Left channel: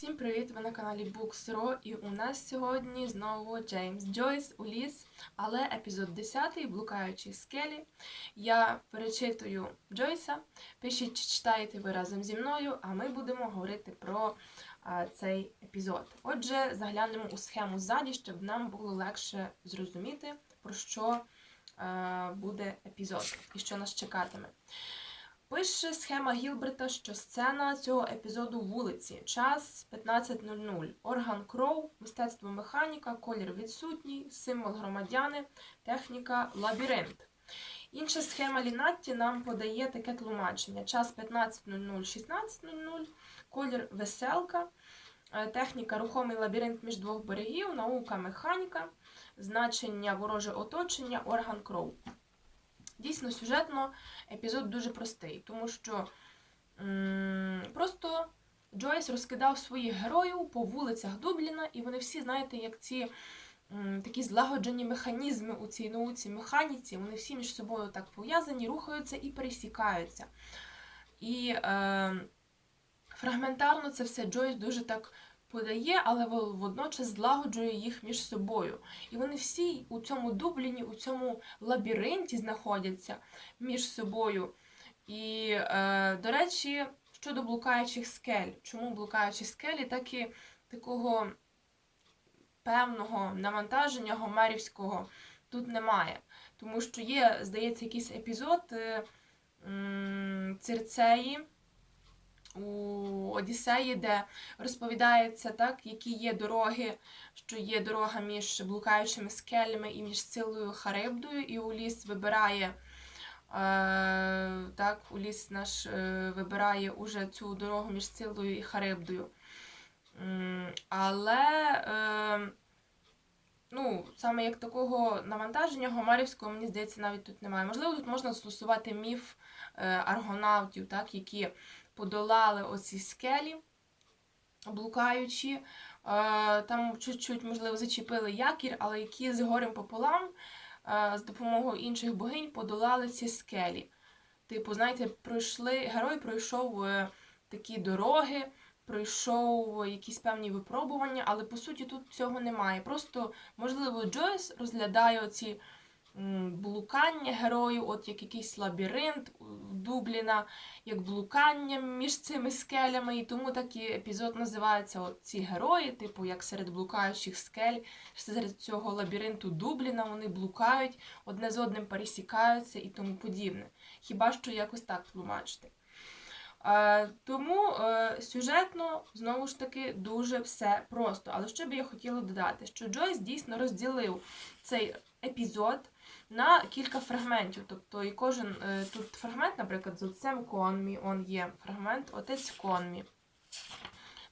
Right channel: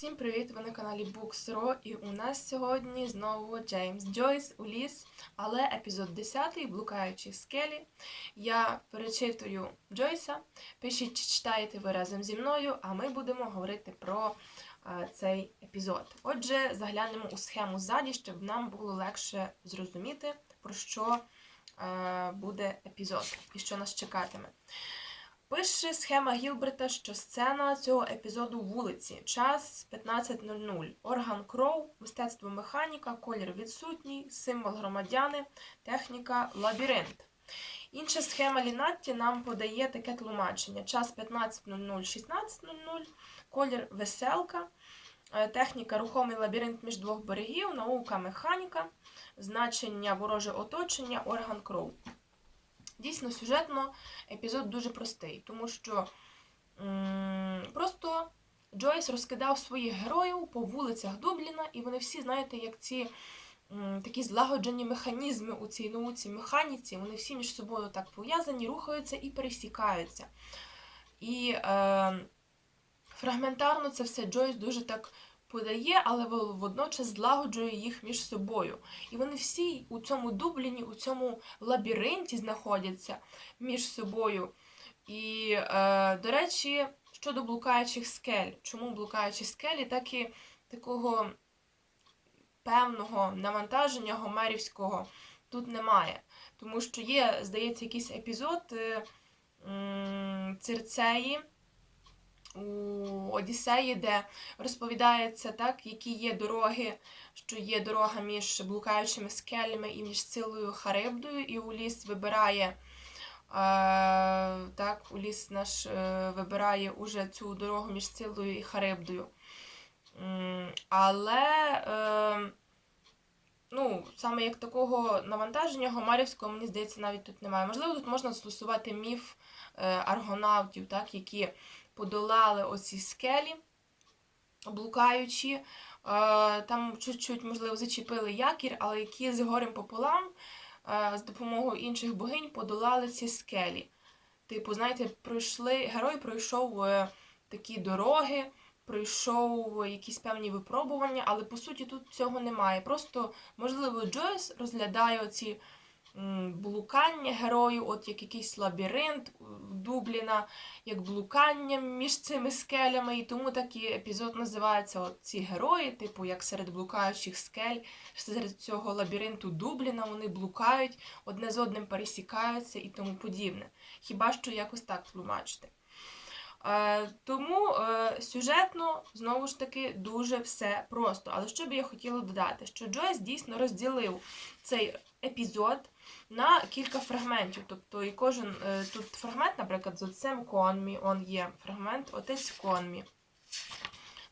Всім привіт! Ви на каналі Books.ro і у нас сьогодні знову Джеймс Джойс у ліс, але епізод 10 Блукаючі скелі. Я перечитую Джойса. Пишіть, чи читаєте ви разом зі мною, а ми будемо говорити про а, цей епізод. Отже, заглянемо у схему ззаді, щоб нам було легше зрозуміти, про що е, буде епізод і що нас чекатиме. Пише схема Гілберта, що сцена цього епізоду вулиці. Час 15.00. Орган кров, мистецтво механіка, колір відсутній, символ громадяни, техніка лабіринт. Інша схема Лінатті нам подає таке тлумачення: час 15.00, 16.00, колір веселка, е, техніка рухомий лабіринт між двох берегів, наука механіка, значення вороже оточення, орган кров. Дійсно, сюжетно епізод дуже простий, тому що просто Джойс розкидав своїх героїв по вулицях Дубліна, і вони всі, знаєте, як ці такі злагоджені механізми у цій науці, механіці, вони всі між собою так пов'язані, рухаються і пересікаються. І е, фрагментарно це все Джойс дуже так подає, але водночас злагоджує їх між собою. І вони всі у цьому Дубліні, у цьому лабіринті знаходяться між собою. І, е, до речі, щодо блукаючих скель, чому блукаючі скелі, так і такого певного навантаження гомерівського тут немає. Тому що є, здається, якийсь епізод е, м, Цирцеї у Одіссеї, де розповідається, так, які є дороги, що є дорога між блукаючими скелями і між Силою Харибдою, і Уліс вибирає. Е, так, Уліс наш е, вибирає уже цю дорогу між Силою і Харибдою. Але е, ну, саме як такого навантаження гомарівського, мені здається, навіть тут немає. Можливо, тут можна застосувати міф аргонавтів, так, які подолали оці скелі, блукаючи. Е, Там чуть-чуть, можливо, зачепили якір, але які з горем пополам е, з допомогою інших богинь подолали ці скелі. Типу, знаєте, пройшли, герой пройшов е, такі дороги, пройшов якісь певні випробування, але по суті тут цього немає. Просто, можливо, Джойс розглядає оці блукання герою, от як якийсь лабіринт Дубліна, як блукання між цими скелями, і тому такий епізод називається от ці герої, типу, як серед блукаючих скель, серед цього лабіринту Дубліна вони блукають, одне з одним пересікаються і тому подібне. Хіба що якось так тлумачити. Е, тому е, сюжетно, знову ж таки, дуже все просто. Але що би я хотіла додати, що Джойс дійсно розділив цей епізод на кілька фрагментів. Тобто, і кожен е, тут фрагмент, наприклад, з отцем Конмі, он є фрагмент Отець Конмі.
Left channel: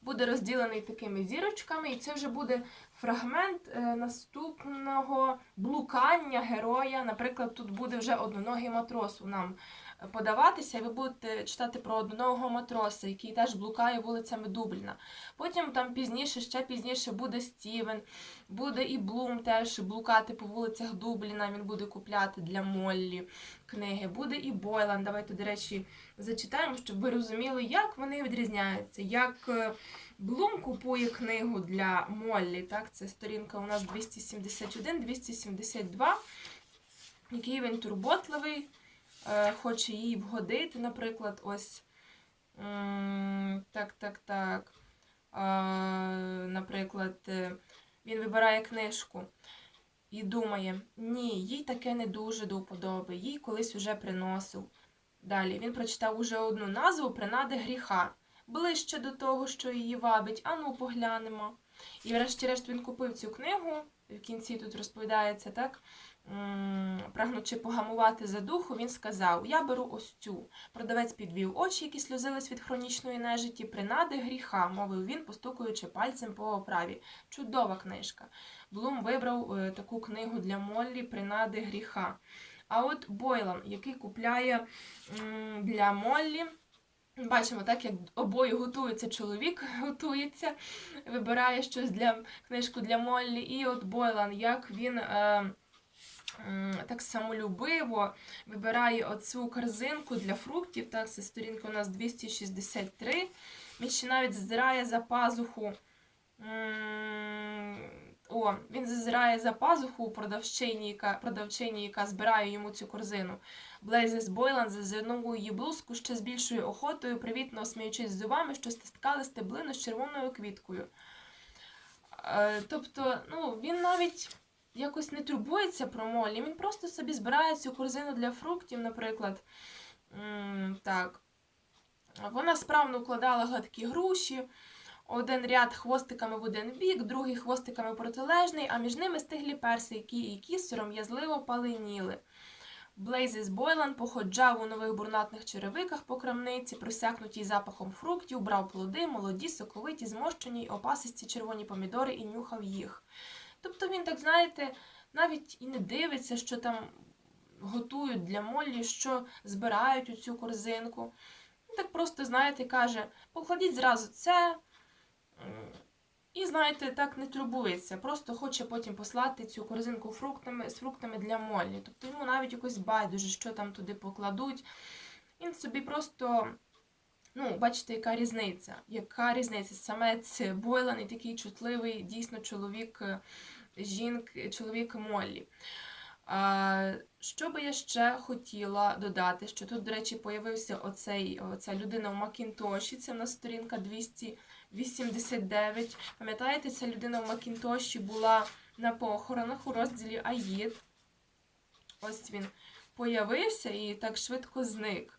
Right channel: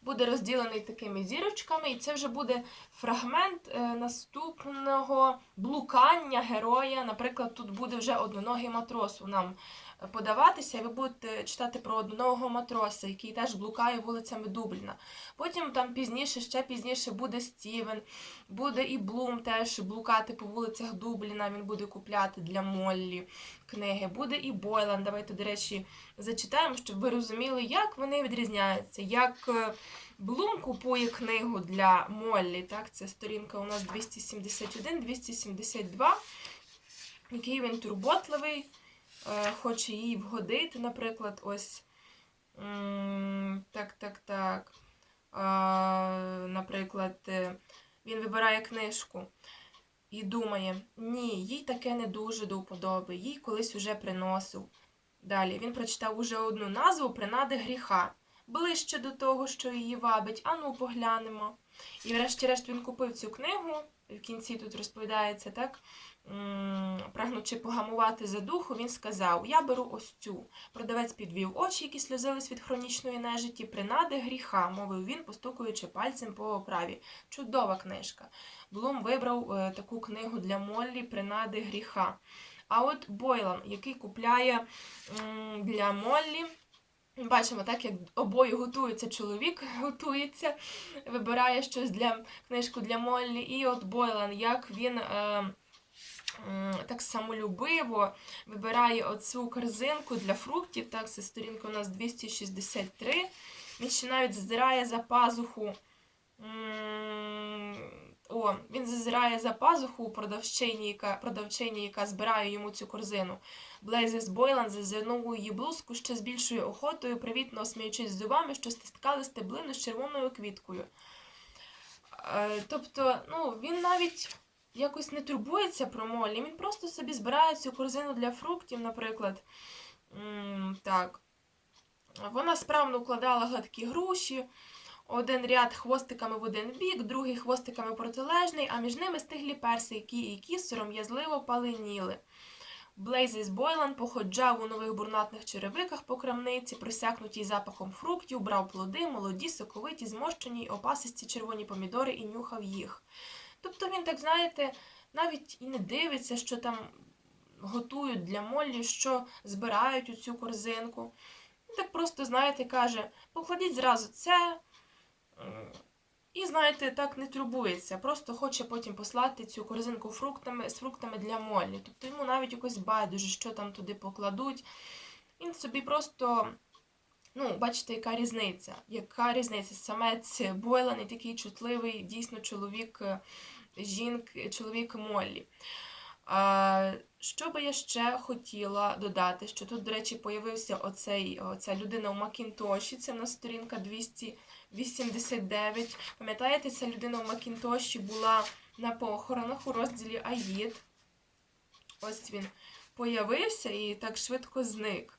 Буде розділений такими зірочками, і це вже буде фрагмент е, наступного блукання героя. Наприклад, тут буде вже одноногий матрос нам е, подаватися, ви будете читати про одноногого матроса, який теж блукає вулицями Дубліна. Потім там пізніше, ще пізніше буде Стівен, буде і Блум теж блукати по вулицях Дубліна. Він буде купляти для Моллі книги. Буде і Бойлан. Давайте, до речі, зачитаємо, щоб ви розуміли, як вони відрізняються. Як е, Блум купує книгу для Моллі. Так, це сторінка у нас 271-272. Який він турботливий, е, хоче їй вгодити, наприклад, ось. Так, так, так. Е, Наприклад, е, він вибирає книжку і думає: ні, їй таке не дуже до вподоби, їй колись уже приносив. Далі він прочитав уже одну назву принади гріха, ближче до того, що її вабить. Ану, поглянемо. І врешті-решт він купив цю книгу. В кінці тут розповідається так. Прагнучи погамувати за духу, він сказав: Я беру ось цю. Продавець підвів очі, які сльозились від хронічної нежиті, принади гріха, мовив він, постукуючи пальцем по оправі. Чудова книжка. Блум вибрав е, таку книгу для Моллі Принади гріха. А от Бойлан, який купляє м, для Моллі. Бачимо, так як обоє готуються, чоловік готується, вибирає щось для книжку для Моллі. І от Бойлан, як він е, так самолюбиво вибирає оцю корзинку для фруктів. Так, це сторінка у нас 263. Він ще навіть зазирає за пазуху. м, О, він зазирає за пазуху продавчині, яка, продавчині, яка збирає йому цю корзину. Блейзес Бойлан зазирнув у її блузку ще з більшою охотою, привітно сміючись зубами, що стискали стеблину з червоною квіткою. Е, тобто, ну, він навіть якось не турбується про Моллі, він просто собі збирає цю корзину для фруктів, наприклад. М, так. Вона справно укладала гладкі груші, один ряд хвостиками в один бік, другий хвостиками протилежний, а між ними стиглі персики, які сором'язливо паленіли. Блейзес Бойлан походжав у нових бурнатних черевиках по крамниці, просякнутій запахом фруктів, брав плоди, молоді, соковиті, змощені й опасисті червоні помідори і нюхав їх. Тобто він, так знаєте, навіть і не дивиться, що там готують для Моллі, що збирають у цю корзинку. Так просто, знаєте, каже: покладіть зразу це. І, знаєте, так не турбується, просто хоче потім послати цю корзинку фруктами, з фруктами для Моллі. Тобто йому навіть якось байдуже, що там туди покладуть. Він собі просто, ну, бачите, яка різниця. Яка різниця? Самець Бойлан і такий чутливий, дійсно чоловік е, жінк, чоловік Моллі. А, що би я ще хотіла додати, що тут, до речі, появився оцей, оця людина в Макінтоші, це в нас сторінка 289. Пам'ятаєте, ця людина в Макінтоші була на похоронах у розділі Аїд. Ось він появився і так швидко зник.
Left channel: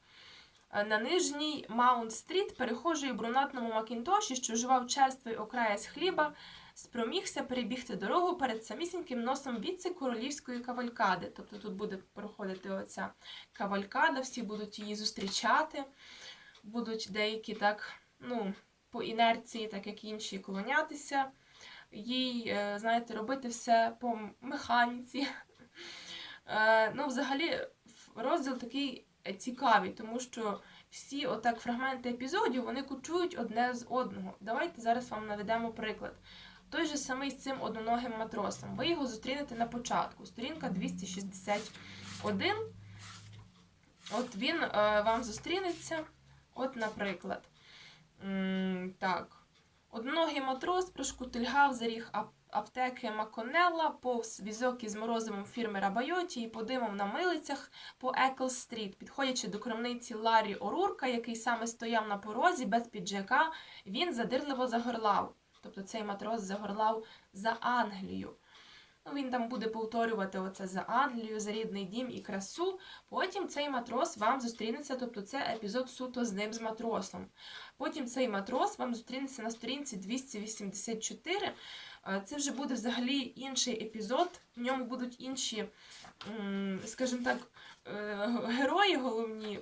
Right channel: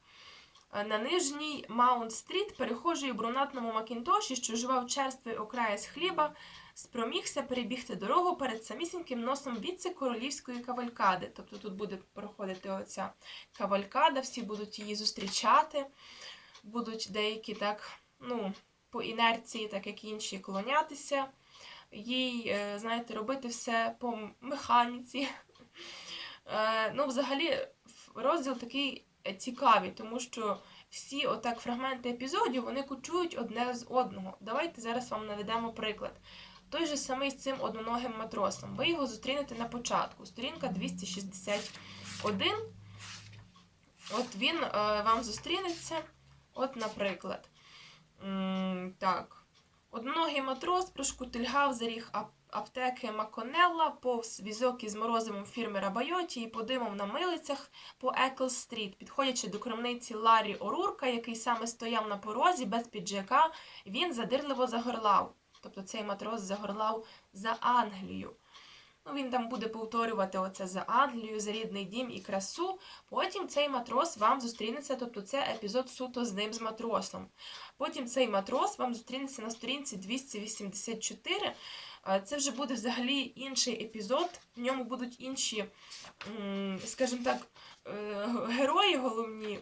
На нижній Маунт-стріт перехожий у брунатному Макінтоші, що жував черствий окраєць хліба, спромігся перебігти дорогу перед самісіньким носом віце-королівської кавалькади. Тобто тут буде проходити оця кавалькада, всі будуть її зустрічати, будуть деякі так, ну, по інерції, так як інші, клонятися, їй, е, знаєте, робити все по механіці. Е, Ну, взагалі, розділ такий е, цікавий, тому що всі отак фрагменти епізодів вони кучують одне з одного. Давайте зараз вам наведемо приклад. Той же самий з цим одноногим матросом. Ви його зустрінете на початку. Сторінка 261. От він е, вам зустрінеться. От, наприклад. Так. Одноногий матрос прошкутильгав за ріг аптеки Маконелла, повз візок із морозивом фірми Рабайоті і подимом на милицях по Екл-стріт, підходячи до крамниці Ларі Орурка, який саме стояв на порозі без піджака, він задирливо загорлав. Тобто цей матрос загорлав за Англію. Ну, він там буде повторювати оце за Англію, за рідний дім і красу. Потім цей матрос вам зустрінеться, тобто це епізод суто з ним з матросом. Потім цей матрос вам зустрінеться на сторінці 284. Е, Це вже буде взагалі інший епізод. В ньому будуть інші, скажімо так, е, герої головні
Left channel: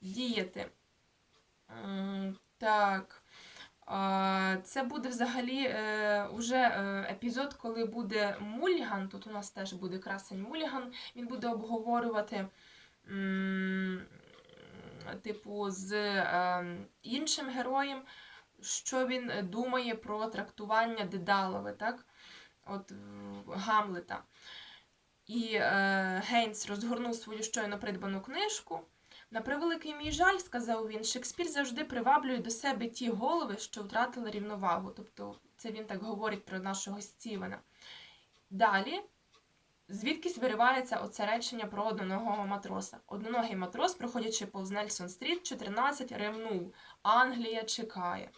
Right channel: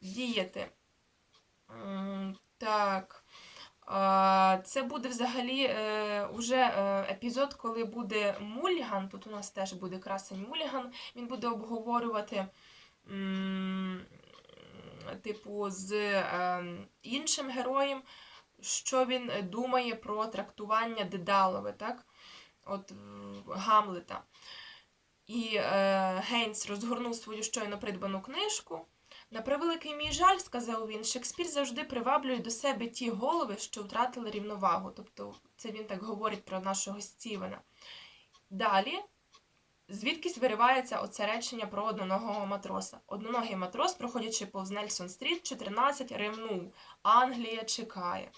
діяти. Так. Е, Це буде взагалі е, уже е, епізод, коли буде Мульган. Тут у нас теж буде красень Мульган. Він буде обговорювати, типу, з е, іншим героєм, що він думає про трактування Дедалове, так? От Гамлета. І е, Гейнс розгорнув свою щойно придбану книжку. На превеликий мій жаль, сказав він, Шекспір завжди приваблює до себе ті голови, що втратили рівновагу. Тобто, це він так говорить про нашого Стівена. Далі, звідкись виривається оце речення про одноногого матроса. Одноногий матрос, проходячи повз Нельсон Стріт, 14 ревнув. Англія чекає.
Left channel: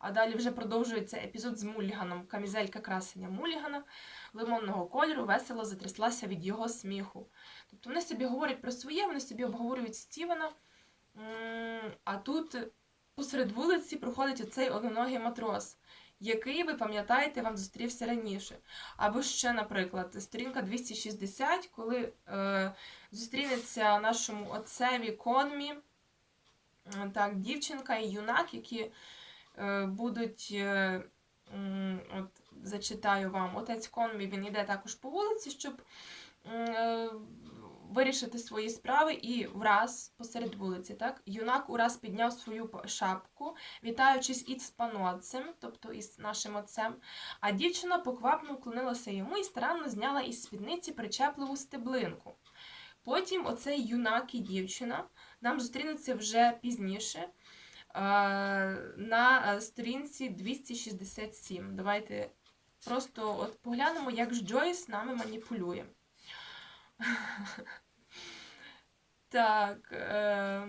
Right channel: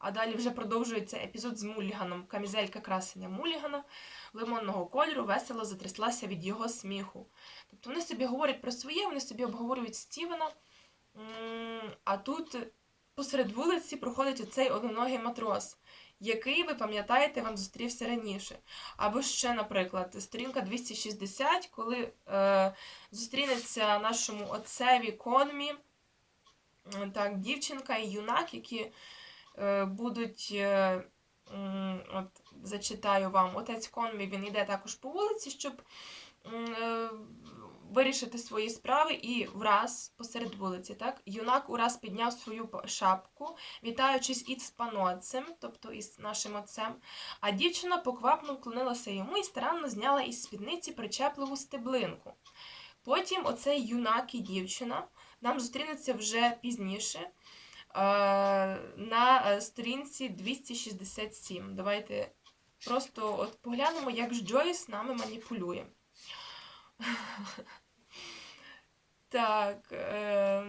А далі вже продовжується епізод з Муліганом. Камізелька красення Мулігана лимонного кольору весело затряслася від його сміху. Тобто вони собі говорять про своє, вони собі обговорюють Стівена. А тут посеред вулиці проходить оцей одноногий матрос, який, ви пам'ятаєте, вам зустрівся раніше. Або ще, наприклад, сторінка 260, коли е, зустрінеться нашому отцеві конмі, так, дівчинка і юнак, які будуть. Е, От зачитаю вам. Отець Конмі він йде також по вулиці, щоб е, вирішити свої справи, і враз посеред вулиці, так, юнак ураз підняв свою шапку, вітаючись із панотцем, тобто із нашим отцем, а дівчина поквапно вклонилася йому і старанно зняла із спідниці причепливу стеблинку. Потім оцей юнак і дівчина нам зустрінуться вже пізніше. На е, сторінці 267. Давайте просто от поглянемо, як ж Джойс нами маніпулює. Так. Е,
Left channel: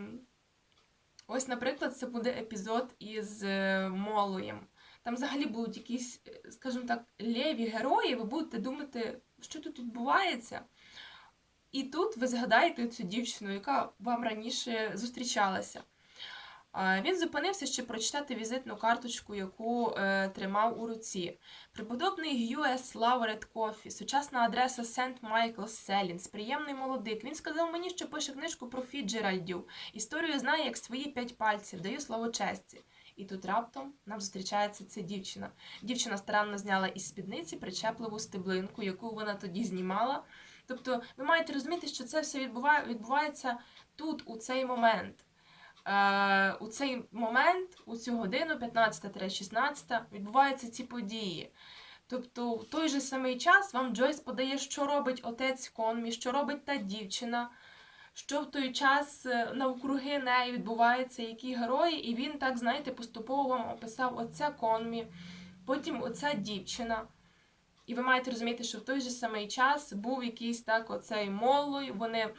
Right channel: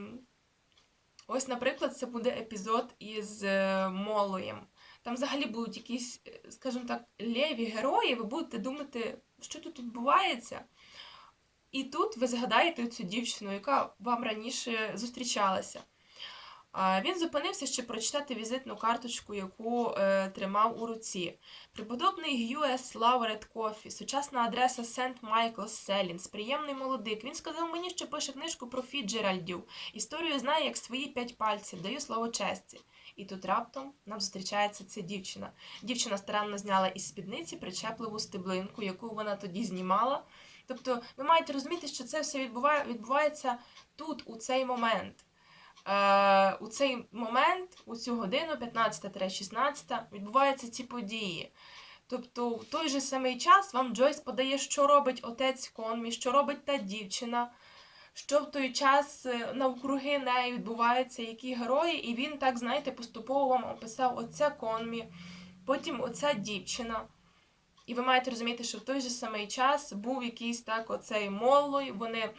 ось, наприклад, це буде епізод із е, Молоєм. Там взагалі будуть якісь, е, скажімо так, леві герої, ви будете думати, що тут відбувається. І тут ви згадаєте цю дівчину, яка вам раніше зустрічалася. Він зупинився, щоб прочитати візитну карточку, яку е, тримав у руці. Преподобний US Lawrence Coffee, сучасна адреса Сент Майкл Селінс, приємний молодик. Він сказав мені, що пише книжку про Фіджеральдів. Історію знає як свої п'ять пальців, даю слово честі. І тут раптом нам зустрічається ця дівчина. Дівчина старанно зняла із спідниці причепливу стеблинку, яку вона тоді знімала. Тобто, ви маєте розуміти, що це все відбуває, відбувається тут, у цей момент. Е, у цей момент, у цю годину, 15-16, відбуваються ці події. Тобто, в той же самий час вам Джойс подає, що робить отець Конмі, що робить та дівчина, що в той час е, навкруги неї відбуваються, які герої, і він так, знаєте, поступово вам описав оця Конмі, потім оця дівчина. І ви маєте розуміти, що в той же самий час був якийсь так оцей моллой, вони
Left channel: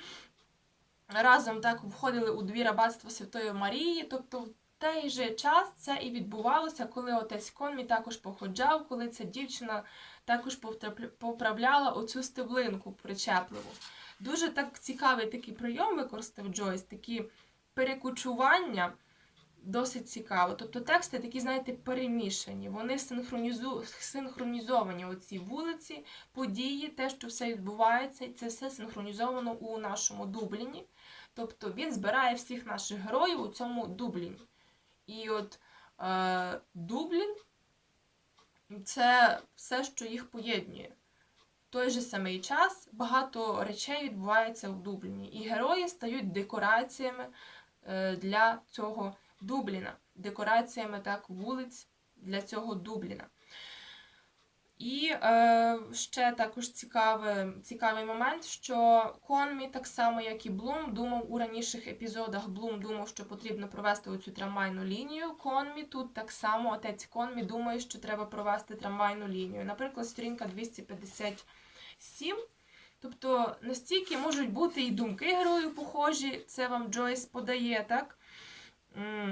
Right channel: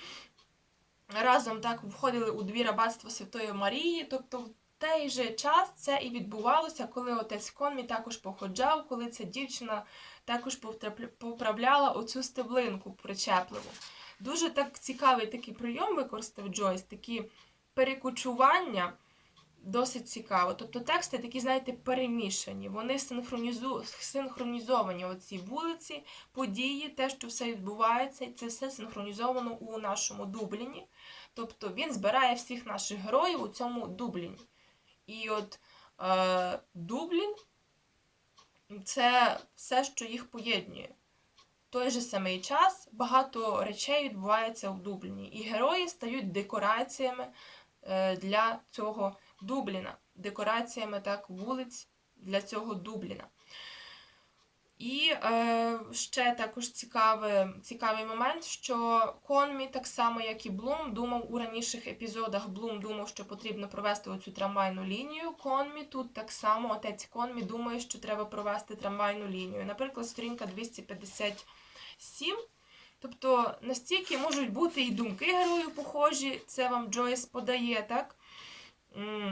разом так входили у двір аббатства Святої Марії. Тобто в той же час це і відбувалося, коли отець Конмі також походжав, коли ця дівчина також поправляла оцю стеблинку причепливу. Дуже так цікавий такий прийом використав Джойс, такі перекочування. Досить цікаво. Тобто тексти такі, знаєте, перемішані. Вони синхронізу... синхронізовані оці вулиці, події, те, що все відбувається, і це все синхронізовано у нашому Дубліні. Тобто він збирає всіх наших героїв у цьому Дубліні. І от е, Дублін це все, що їх поєднує. В той же самий час багато речей відбувається в Дубліні. І герої стають декораціями е, для цього Дубліна, декораціями так вулиць для цього Дубліна. І е, ще також цікавий, цікавий момент, що Конмі, так само як і Блум, думав у раніших епізодах. Блум думав, що потрібно провести оцю трамвайну лінію. Конмі тут так само отець Конмі думає, що треба провести трамвайну лінію. Наприклад, сторінка 257. Тобто настільки можуть бути і думки героїв похожі, це вам Джойс подає, так?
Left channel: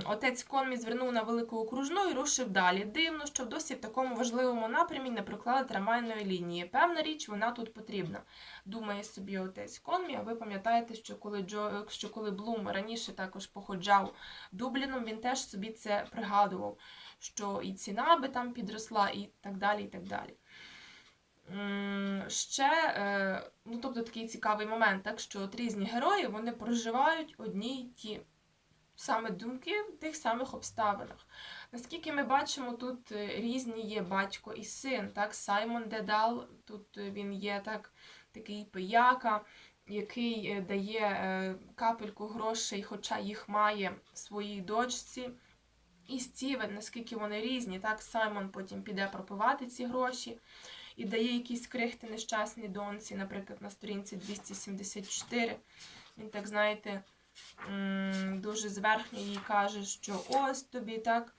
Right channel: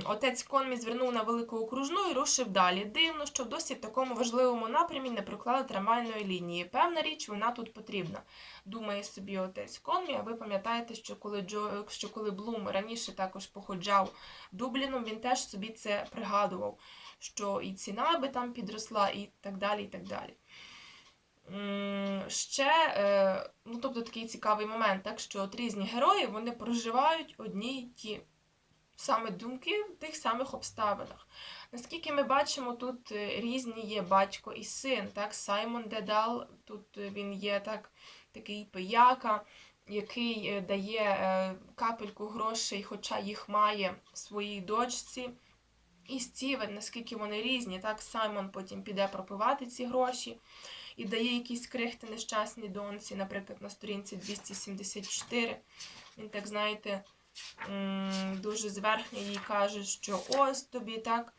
Отець Конмі звернув на велику окружну і рушив далі. Дивно, що досі в такому важливому напрямі не проклали трамвайної лінії. Певна річ, вона тут потрібна. Думає собі отець Конмі. А ви пам'ятаєте, що коли Джо, що коли Блум раніше також походжав Дубліном, він теж собі це пригадував, що і ціна би там підросла, і так далі. і так далі. Ще, е, ну тобто такий цікавий момент, так що от різні герої вони проживають одні й ті саме думки в тих самих обставинах. Наскільки ми бачимо, тут е, різні є батько і син. Так? Саймон Дедал, тут е, він є так, такий пияка, який е, дає капельку грошей, хоча їх має своїй дочці. І Стівен, наскільки вони різні, так Саймон потім піде пропивати ці гроші і дає якісь крихти нещасній доньці, наприклад, на сторінці 274. Він так, знаєте, дуже зверхньо їй каже, що ось тобі так.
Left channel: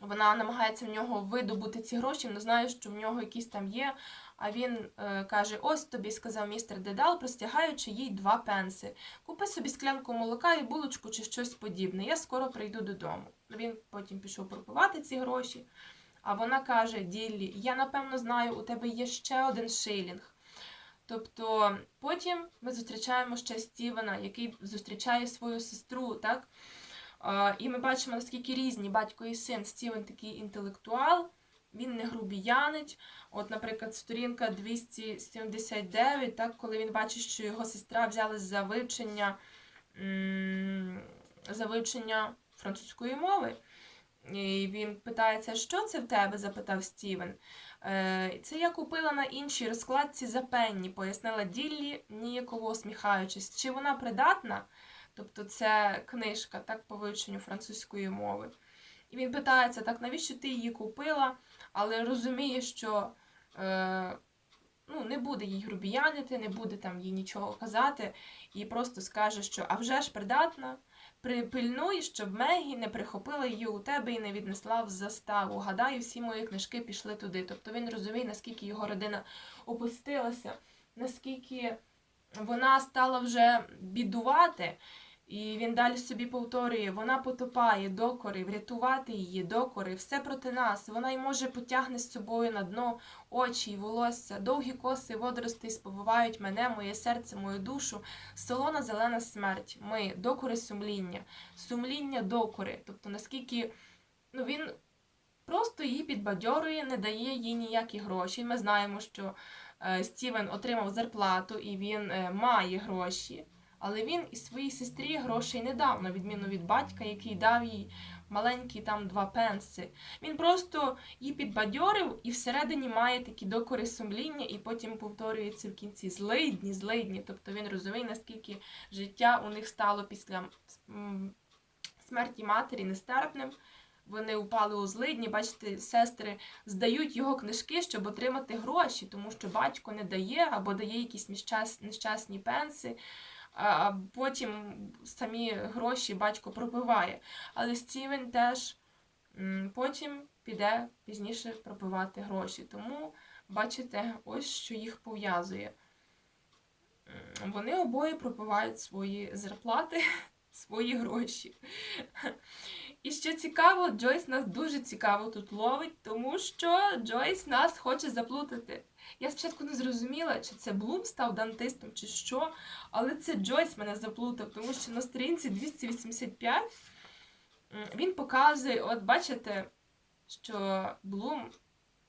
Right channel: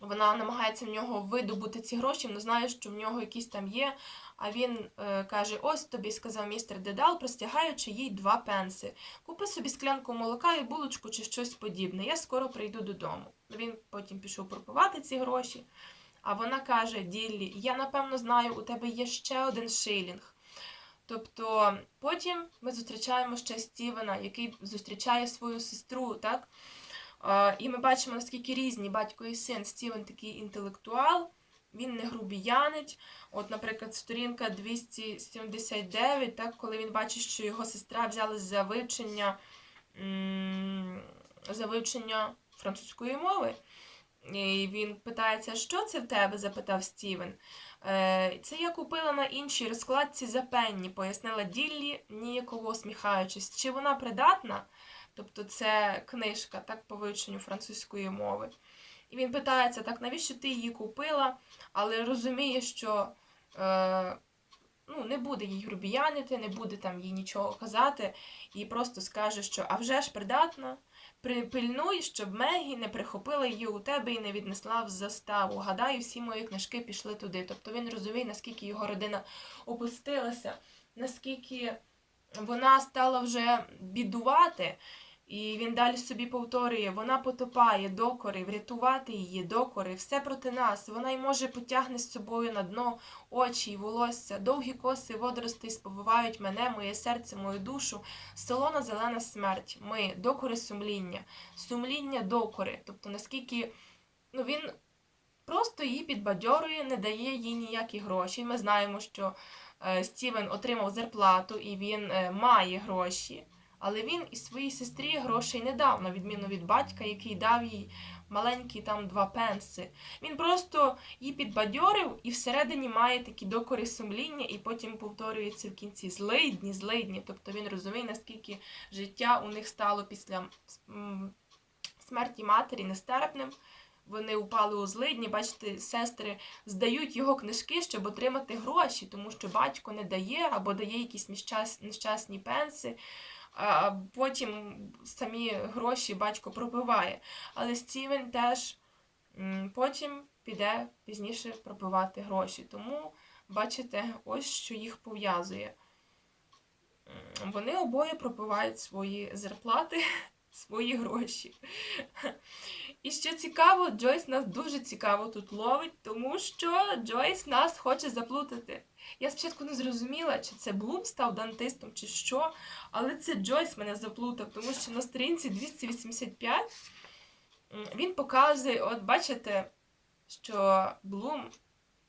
Вона намагається в нього видобути ці гроші, вона знає, що в нього якісь там є. А він е, каже: Ось тобі, сказав містер Дедал, простягаючи їй два пенси. Купи собі склянку молока і булочку чи щось подібне. Я скоро прийду додому. Він потім пішов пропивати ці гроші. А вона каже: Діллі, я напевно знаю, у тебе є ще один шилінг. Тобто потім ми зустрічаємо ще Стівена, який зустрічає свою сестру, так? І ми бачимо, наскільки різні батько і син. Стівен такий інтелектуал, він не грубіянить. От, наприклад, сторінка 279, так, коли він бачить, що його сестра взялась за вивчення, за вивчення французької мови. І він питається, що це в тебе? запитав Стівен. «Е, Це я купила на іншій розкладці за пенні, пояснила Діллі, ніяково усміхаючись. Чи вона придатна? Тобто це книжка так, по вивченню французької мови. І він питається, так, навіщо ти її купила, але розуміє, що е, ну, не буде їй грубіянити, не буде там їй нічого казати, і просто скаже, що а вже ж придатна. Припильнуй, щоб Мегі не прихопила її у тебе і не віднесла в заставу. Гадаю, всі мої книжки пішли туди. Тобто він розуміє, наскільки його родина опустилася, наскільки вона стала вже бідувати. І він далі собі повторює: вона потопає докори, врятувати її, докори, все проти нас. Вона й може потягне з собою на дно очі й волосся. Довгі коси водоростей сповивають мене, моє серце, мою душу. Солона зелена смерть. Ми докори сумління, сумління докори. Тобто, наскільки ну, він просто її підбадьорює, не дає їй ніякі гроші. Ми знаємо, що е, Стівен отримав зарплату і він е, має гроші. Але він і своїй сестрі грошей не дав, на відміну від батька, який дав їй маленькі там два пенси. Він просто її підбадьорив і всередині має такі докори сумління, і потім повторюється в кінці злидні, злидні. Тобто він розуміє, наскільки життя у них стало після смерті матері нестерпним. Вони упали у злидні, бачите, сестри здають його книжки, щоб отримати гроші, тому що батько не дає або дає якісь нещасні пенси а потім самі гроші батько пропиває. Але Стівен теж потім піде пізніше пропивати гроші. Тому, бачите, ось що їх пов'язує. Вони обоє пропивають свої зарплати, свої гроші. І що цікаво, Джойс нас дуже цікаво тут ловить, тому що Джойс нас хоче заплутати. Я спочатку не зрозуміла, чи це Блум став дантистом, чи що, але це Джойс мене заплутав, тому що на сторінці 285 він показує, от бачите, що Блум,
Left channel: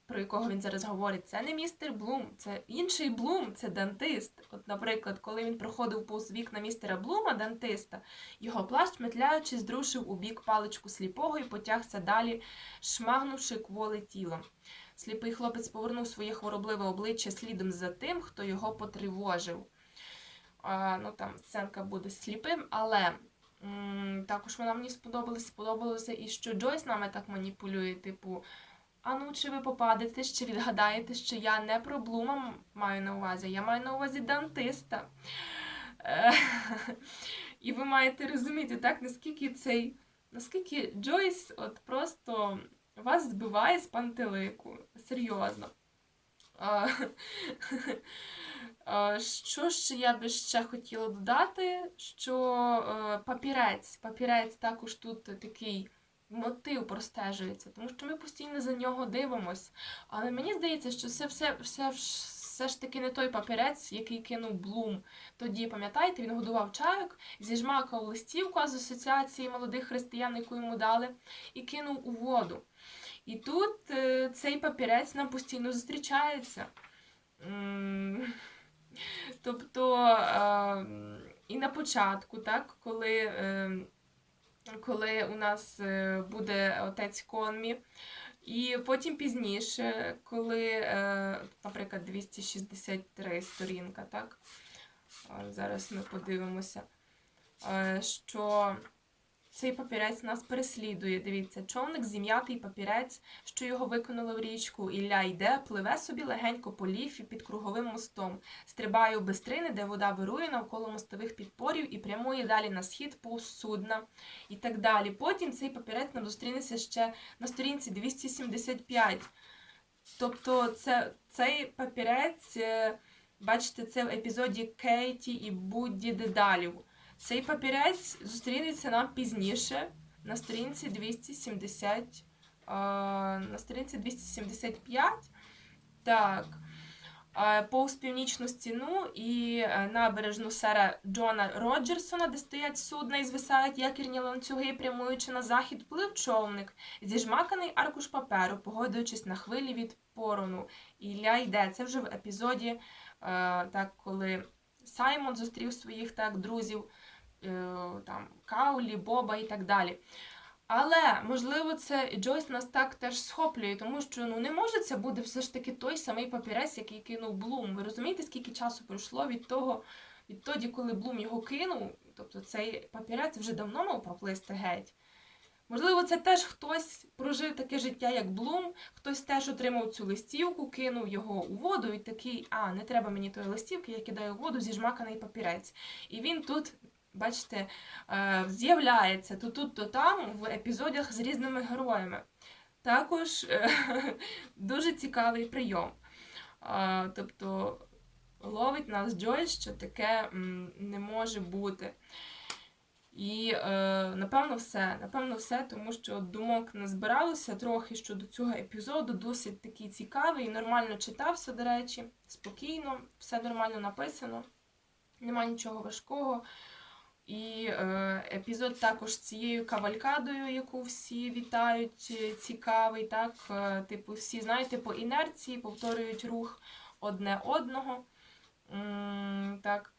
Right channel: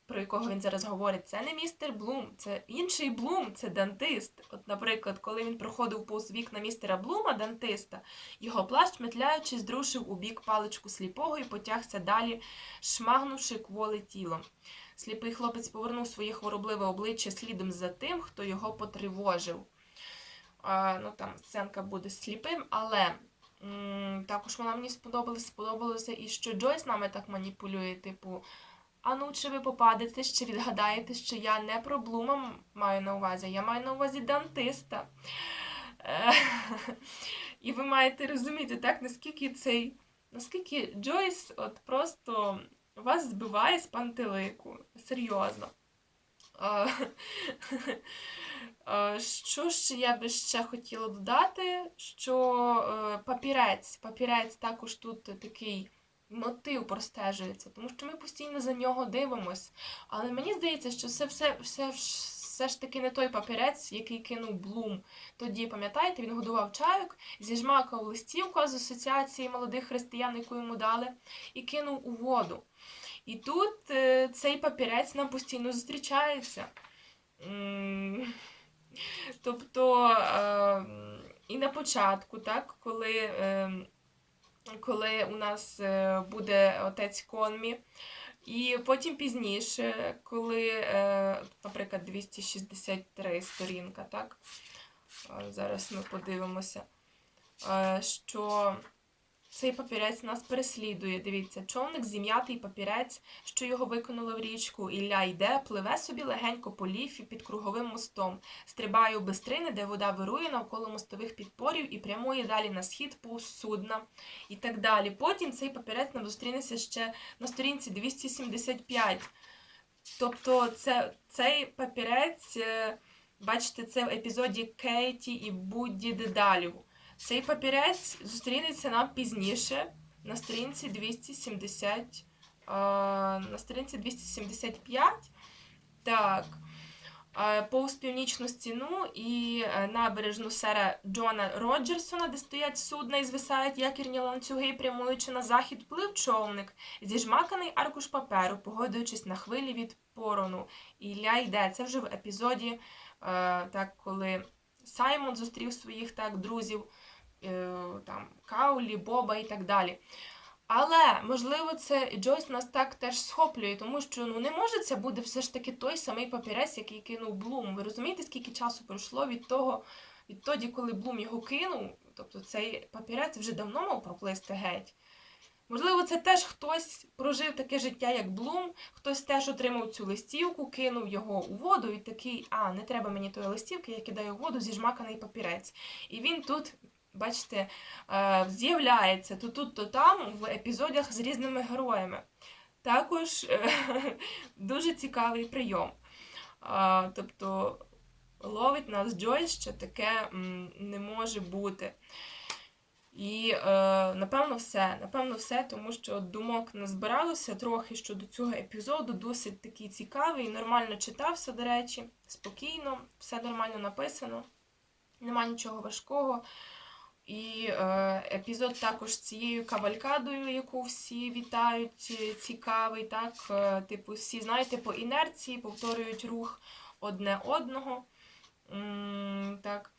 про якого він зараз говорить, це не містер Блум, це інший Блум, це дантист. От, наприклад, коли він проходив повз вікна містера Блума, дантиста, його плащ, метляючи, здрушив у бік паличку сліпого і потягся далі, шмагнувши кволе тілом. Сліпий хлопець повернув своє хворобливе обличчя слідом за тим, хто його потривожив. А, ну там сценка буде сліпим, але м, також вона мені сподобалася, сподобалося і що Джойс нами так маніпулює, типу. А ну, чи ви попадете, чи відгадаєте, що я не про Блума маю на увазі, я маю на увазі дантиста. Е, І ви маєте розуміти, так, наскільки цей, наскільки Джойс от просто вас збиває з пантелику. Серйозно. Що ж я би ще хотіла додати? Що е, папірець, папірець також тут такий мотив простежується, тому що ми постійно за нього дивимось. Але мені здається, що це все, все, все ж таки не той папірець, який кинув Блум. Тоді, пам'ятаєте, він годував чайок, зіжмакав листівку з асоціації молодих християн, яку йому дали, і кинув у воду. І тут е, цей папірець нам постійно зустрічається. Тобто е, і на початку, так, коли, е, коли у нас буде отець Конмі, і потім пізніше, коли, наприклад, 263 сторінка, так? Зараз ми подивимося, що цей папірець нас переслідує. Дивіться, човник зім'ятий папірець, що його виконало в річку. Ілля йде, пливе собі легенько по ліфі під круговим мостом, стрибає у бистрини, де вода вирує навколо мостових підпорів і прямує далі на схід повз судна і так далі. Потім цей папірець нам зустрінеться ще на сторінці 275. Тобто, це, цей папірець, е, бачите, це в епізоді Кейті і Будді Дедалів. Цей папірець зустрінеться нам пізніше на сторінці 270, е, на сторінці 275. Так. Повз північну стіну і е, набережну сера Джона Роджерсона, де стоять судна і звисають якірні ланцюги, прямуючи на захід, плив човник, зіжмаканий аркуш паперу, погодуючись на хвилі від порону. І Ілля йде. Це вже в епізоді, е, так, коли Саймон зустрів своїх так друзів, там Каулі, Боба і так далі. Але, можливо, це Джойс нас так теж схоплює, тому що ну не може це буде все ж таки той самий папірець, який кинув Блум. Ви розумієте, скільки часу пройшло від того, відтоді, коли Блум його кинув, тобто цей папірець вже давно мав проплисти геть. Можливо, це теж хтось прожив таке життя, як Блум, хтось теж отримав цю листівку, кинув його у воду і такий, а, не треба мені тої листівки, я кидаю у воду зіжмаканий папірець. І він тут бачите, е, з'являється то тут, то там в епізодах з різними героями. Також е, дуже цікавий прийом. Е, Тобто ловить нас Джойс, що таке не може бути. І напевно все. Напевно, все, тому що думок назбиралося трохи щодо цього епізоду. Досить такий цікавий, нормально читався, до речі, спокійно, все нормально написано, нема нічого важкого. І е, епізод також цією кавалькадою, яку всі вітають, е, цікавий, так, е, типу, всі, знаєте, по інерції повторюють рух одне одного. Так.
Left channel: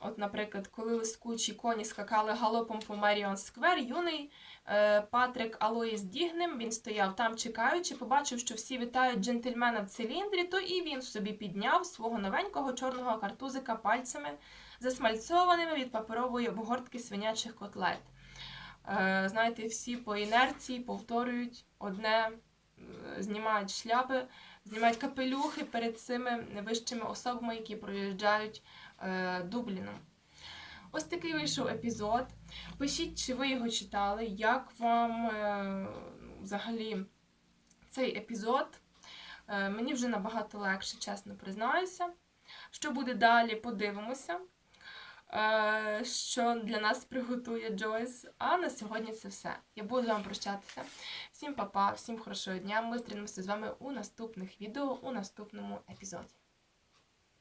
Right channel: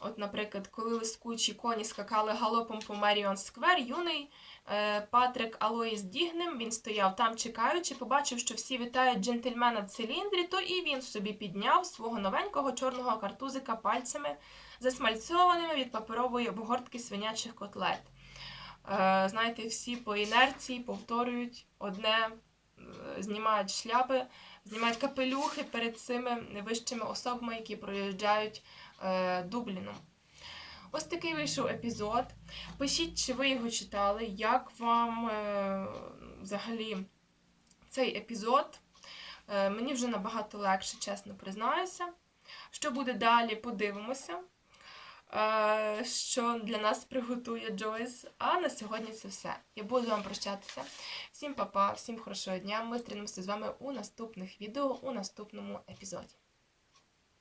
От, наприклад, коли лискучі коні скакали галопом по Меріон Сквер, юний е, Патрик Алоїс Дігнем, він стояв там чекаючи, побачив, що всі вітають джентльмена в циліндрі, то і він собі підняв свого новенького чорного картузика пальцями, засмальцьованими від паперової обгортки свинячих котлет. Е, знаєте, всі по інерції повторюють одне, е, знімають шляпи, знімають капелюхи перед цими вищими особами, які проїжджають е, Дубліном. Ось такий вийшов епізод. Пишіть, чи ви його читали, як вам взагалі цей епізод. Мені вже набагато легше, чесно признаюся. Що буде далі, подивимося. Е, що для нас приготує Джойс. А на сьогодні це все. Я буду з вами прощатися. Всім па-па, всім хорошого дня. Ми зустрінемося з вами у наступних відео, у наступному епізоді.